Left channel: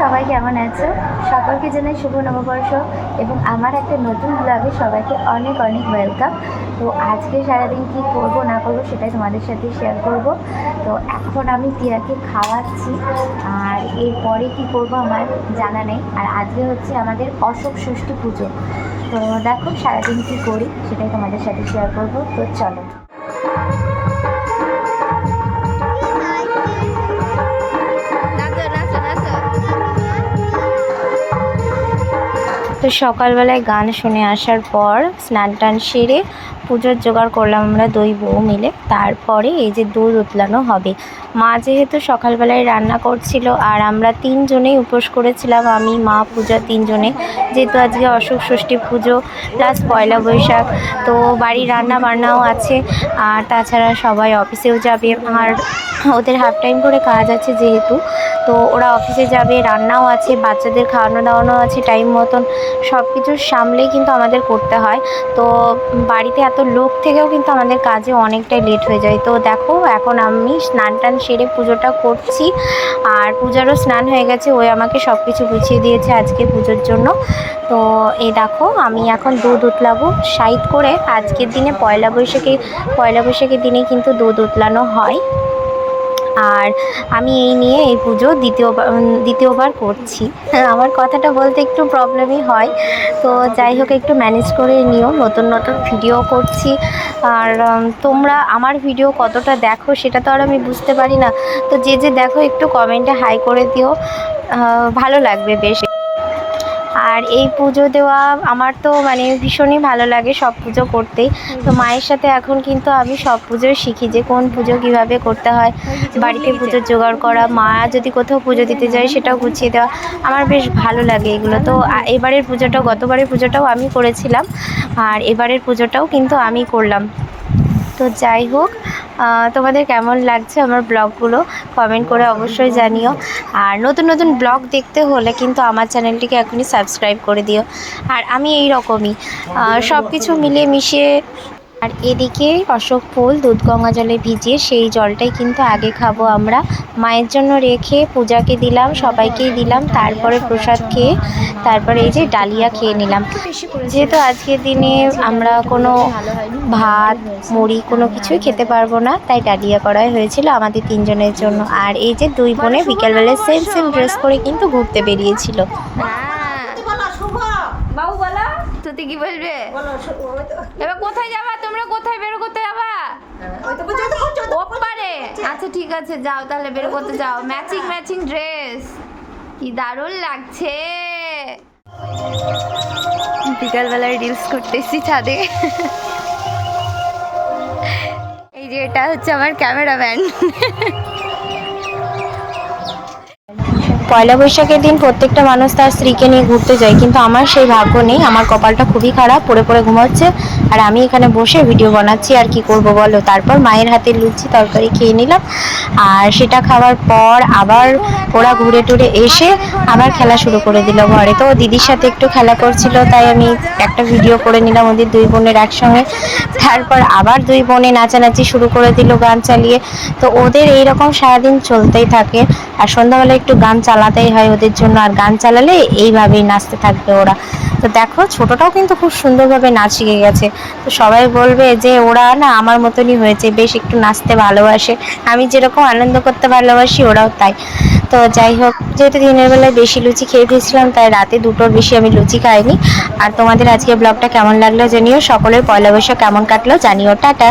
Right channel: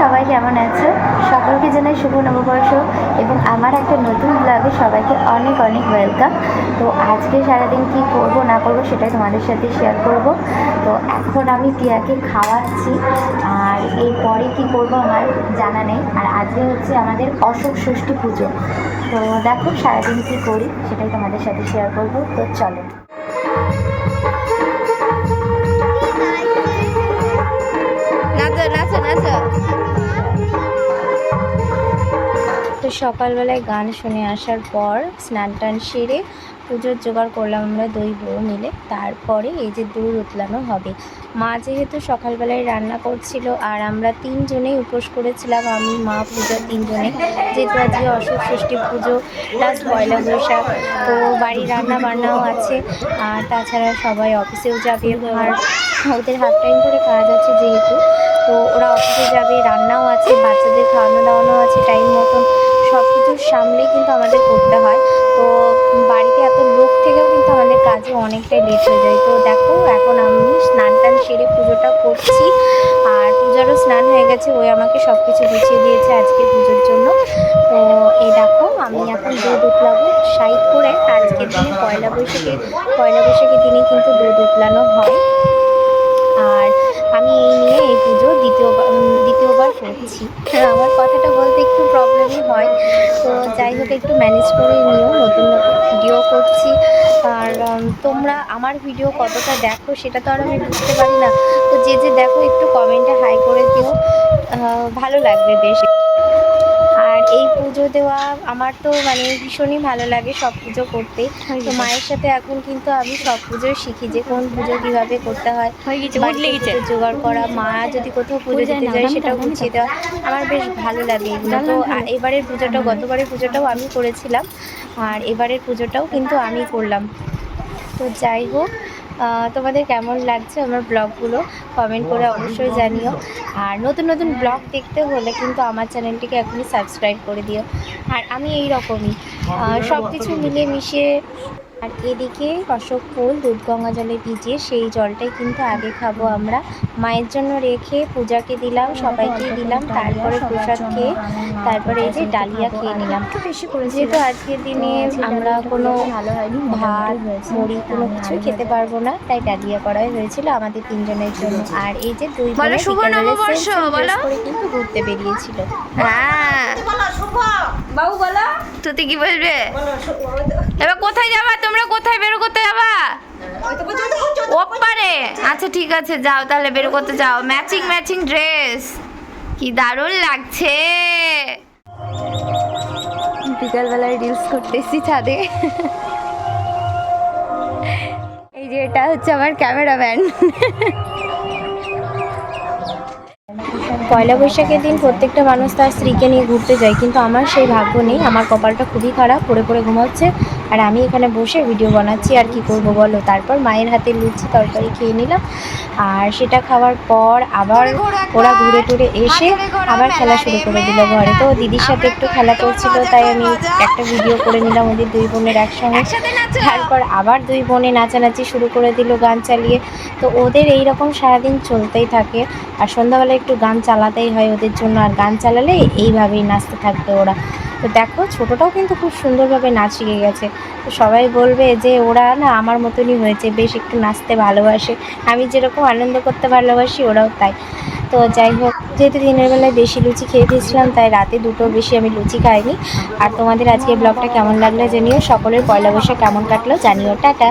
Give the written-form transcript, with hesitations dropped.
সবাই কেমন আছো? সকলকে জানাই শুভ নববর্ষ এবং আমার একটা নতুন ব্লগে সবাইকে অনেক অনেক ওয়েলকাম। তো আজকে সারাদিন কি করব না করব সেটাই তোমাদের সাথে শেয়ার করব। তো এখন আমি টিয়াকে খাওয়াচ্ছি, আর এরপরে কি করব আমার জানা নেই। আর আজকে হচ্ছে আমাদের অশোক ষষ্ঠী পুজো। তো দেখো সারাদিন কি করি সেটাই তোমাদের সাথে শেয়ার করব। তো চলো। তো সকালবেলায় গান শুনে আসার পর স্নান টান সেরে পুজোর জোগাড় করলাম আমরা দুই বউ মিলে। তারপরে এই যে দুধ উতলানো হবে। মা যেহেতু সকালবেলায় রান্না করছিল আর আমরা তিনজনেই উপোস করেছিলাম, আমি মা পূজা তিনজনে, যেহেতু আজকে অশোক ষষ্ঠী পুজো প্লাস পয়লা বৈশাখ। তো বাড়ির রান্না বান্নাও আছে, আর তাছাড়া সবাই অফিসেও যাবে, আর ওদের হাফ টাইম করে কাজ আছে যেহেতু, তো ওরা অফিসে যাবে, রান্নাও আছে, বাচ্চাদের খাওয়ানো দাওয়ানো আছে টাইম মতন। সব কিছু সামলেই কিন্তু আমাদের করতে হয়। তো বাড়িতে এত লোক থেকেও কিন্তু আমাদের কাজে অনেকটাই লেট হয়ে যায়। তো দেখো এখন আমি স্নান টান সেরে পুজোটা করছি, আর পূজারও স্নান হয়ে গেছে, ওই আমাকে সব কিছু গুছিয়ে দিয়েছে আজকে পুজোর জন্য। তো এই দেখো আমি এখন দুধ উতলাবো সাইড করে। আজকের দিনে পয়লা বৈশাখের দিনে কিন্তু দুধ উতলানো হয়। আর আমি এই নিয়ে এই পুজো দ্বিতীয়বার করছি। আমার কথাটা বলতে একটু প্রবলেমই হয়, তো যাই হোক একটু ম্যানেজ করে নিও, নতুন নতুন ভিডিও করছি। আর তোমরা আমার ভিডিও কতটা দেখো সেটা তো আর আমি বুঝতে পারি না। তো যে যে দেখো একটু কমেন্টে হাই করে দিও, ভালো লাগবে বেশ। আর এই পুজো দেওয়া আমার তো মানে ভীষণই ভালো লাগে সব পুজো করতে। তো মায়ের সাথে এখন কিন্তু আমি সব পুজোই শিখি, যে কোন পুজো কীভাবে করতে হয়, বাড়িতে পুজোর জোগাড় করা, মা যদি কোথাও পুজো দিতে যায় সেটাও গুছিয়ে দেওয়া, আমার বেশ ভালো লাগে এগুলো। তো এবারের পুজোটাও, গতবারের পুজোটাও আমি করেছিলাম, আর এবারের পুজোটাও কিন্তু আমি করলাম। তো যাই হোক, তোমাদের কেমন লাগছে আমার ব্লগগুলো কমেন্ট করে অবশ্যই জানিও। আর নতুন নতুন ব্লগ দেখতে হলে কিন্তু আমার চ্যানেলটিকে এখনই সাবস্ক্রাইব করে দিও। আর আমি এই রকমই সব কিছু মিলিয়ে মিশিয়ে। আর এদিকে অশোক ফুল দুধ গঙ্গা জলে ভিজিয়ে সেই জলটাই কিন্তু আগে খাবো আমরা, মায়ের জন্য রেখে পূজাকে দিলাম, সবাইকেই দিলাম, তারপরে প্রসাদ খেয়ে তারপরে এই যে ডালিয়া খেয়ে নিলাম। যেহেতু আজকের দিনে আমরা কোনো ভাত মুড়ি কোনো কিছুই খেতে পারবো না, তাই ডালিয়া করাই হয়েছিল আমাদের তিনজনের জন্য। আর এই যে দুই বোনে বিকেলবেলা সেম সেম ড্রেস করে কিন্তু ঘুরতে বেরিয়েছিল। হ্যাঁ বাবু বলো, তুই কি বলবে এবার? কোথায় যাবা তোমরা? কোথায় বেরো করতে যাবা? ওপারে? আচ্ছা ঠিক আছে, যাও তাহলে বেরো করতে যাও। ম্যাচিং ম্যাচিং ড্রেস, কি দারুণ লাগছে। বিকালবেলায় রিলস করতেছি ছাদে। এই যে এটা হচ্ছে আমার ক্যামেরাম্যান। পয়লা বৈশাখের দিন প্রত্যেকটা মানুষ তার স্ত্রীকে নিয়ে ঘুরতে যায়, কিন্তু আমার সেই ভাগ্য নেই। আমার কপালটা খুবই খারাপ, পড়ে পড়ে ঘুমাচ্ছে, আর আমি এখানে বসে ভিডিও বানাচ্ছি। আর কি করব বলো? তারপর মায়ের হাতে লুচি তরকারি খেয়ে নিলাম, আর সেটা খাওয়ার পর আবার ওরা ঘুরে টুরে এসে আবার খেলা শুরু করে দিল ঘরে। তো দিদির সাথে একটু খেলা করছিল, তাই আমি একটা ভিডিও করে নিলাম ওদের দুই বোনের একসঙ্গে। তারপর আবার দুই বোনে নাচানাচি শুরু করে দিল গান চালিয়ে। তো ওদের এইরকম সারাদিন চলতেই থাকে, আর সন্ধ্যাবেলা একটু গান চালাতেই হয় ওদের জন্য, আর গান চালালে এইভাবেই নাচতে থাকবে ওরা। তো দেখো ছোটটাও কিন্তু খুব সুন্দরভাবে নাচ শিখে গেছে। তো সবাই বলবে যে ওরা না আমার মতনই হয়েছে, বেশ একটু নাচতে ভালোবাসে, আমি যেরকম আনন্দ করতে ভালোবাসি ওরাও তাই। তো যাই হোক, যেহেতু দিনের বেলায় বেশি লুচি খেয়ে ফেলছিলাম, তাই রাতে দুটোর বেশি আমি লুচি খাইনি। আর তোমাদের আজকে ব্লগটা কেমন লাগলো জানিও, সকলের পয়লা বৈশাখ কেমন কাটলো জানিও। টাটা।